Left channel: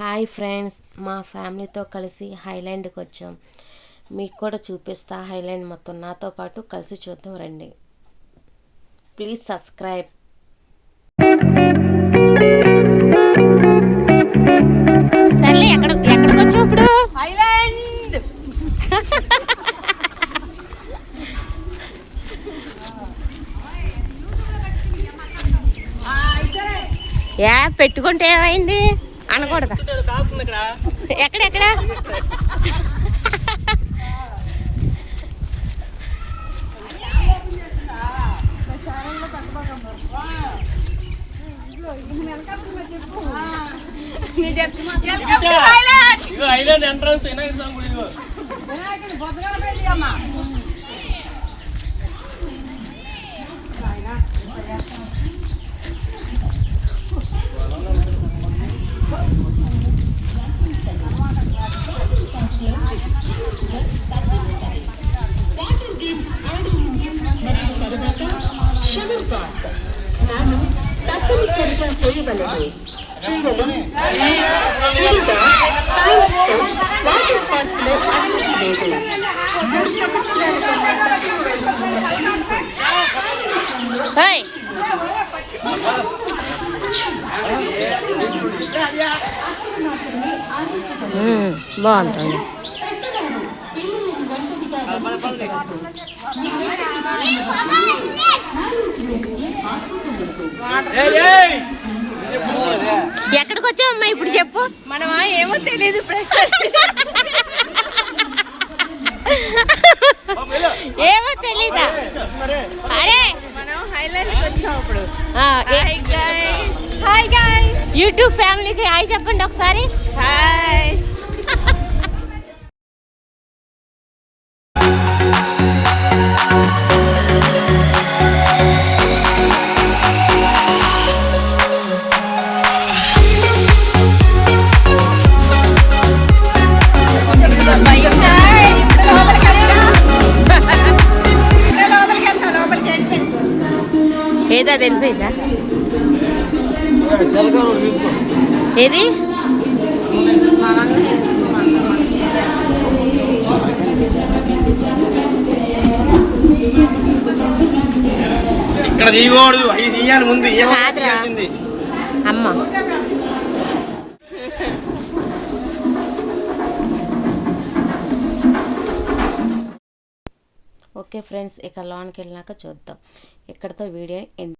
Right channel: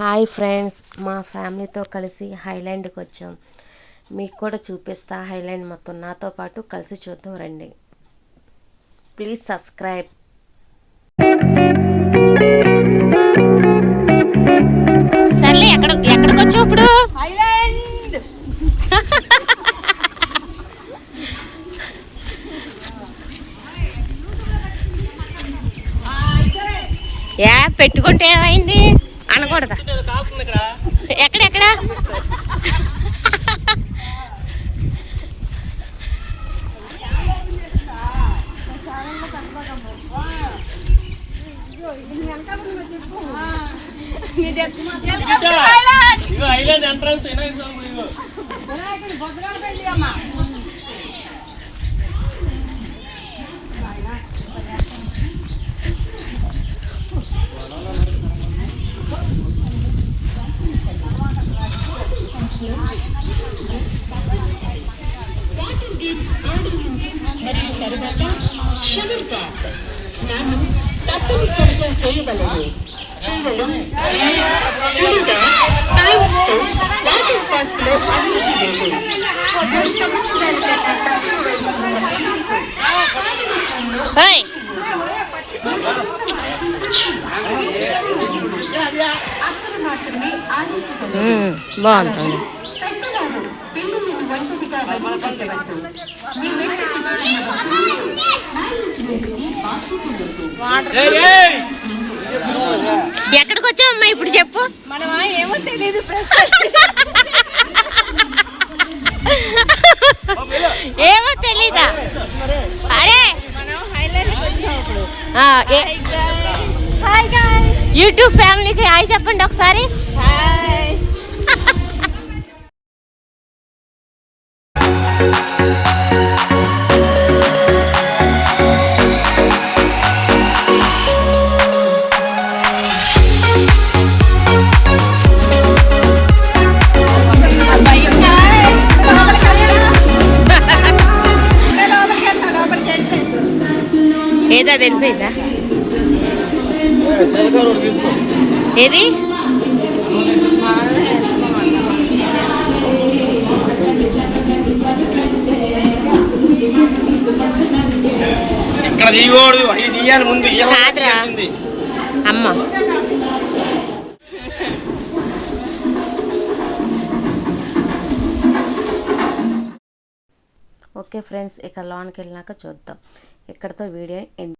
Hi friends, మా ఫ్యామిలీతో కలిసి హైలాండ్కి వచ్చాం. మీకు కూడా చూపిస్తా హైలాండ్ మొత్తం. నాతో పాటు కలిసి చూద్దాం రండి. Please subscribe. సర్లే, ఎక్కడికి వచ్చావు ఇప్పుడు? హైలాండ్. పెట్టుకుంటే ఏమైంది అనకూడదా? ఎక్కడెక్కడ స్నానం తప్పనిసరిగా చేయగలరు. వాటర్ పార్క్ లో అనుమతి లేదు. 3 సంవత్సరాల కన్నా తక్కువ బాగుంటుంది. ఎక్కడికి వచ్చామమ్మా ఇప్పుడు చెప్పు. మనమా ఏమో తెలియదు. ఏమో తెలీదా? అరే హైలాండ్కి వచ్చాం ఇప్పుడు. యూట్యూబ్ ఫ్యామిలీకి హాయ్ చెప్పండి ఒకసారి. హాయ్. ఏదా తెలిపోయిందా? ఏది కాదురా అమ్మ. ఓకే ఫ్రెండ్స్, ఇక లోన్కి వెళ్ళినాక చూద్దాం. ఇక్కడతో వీడియో ఎండ్.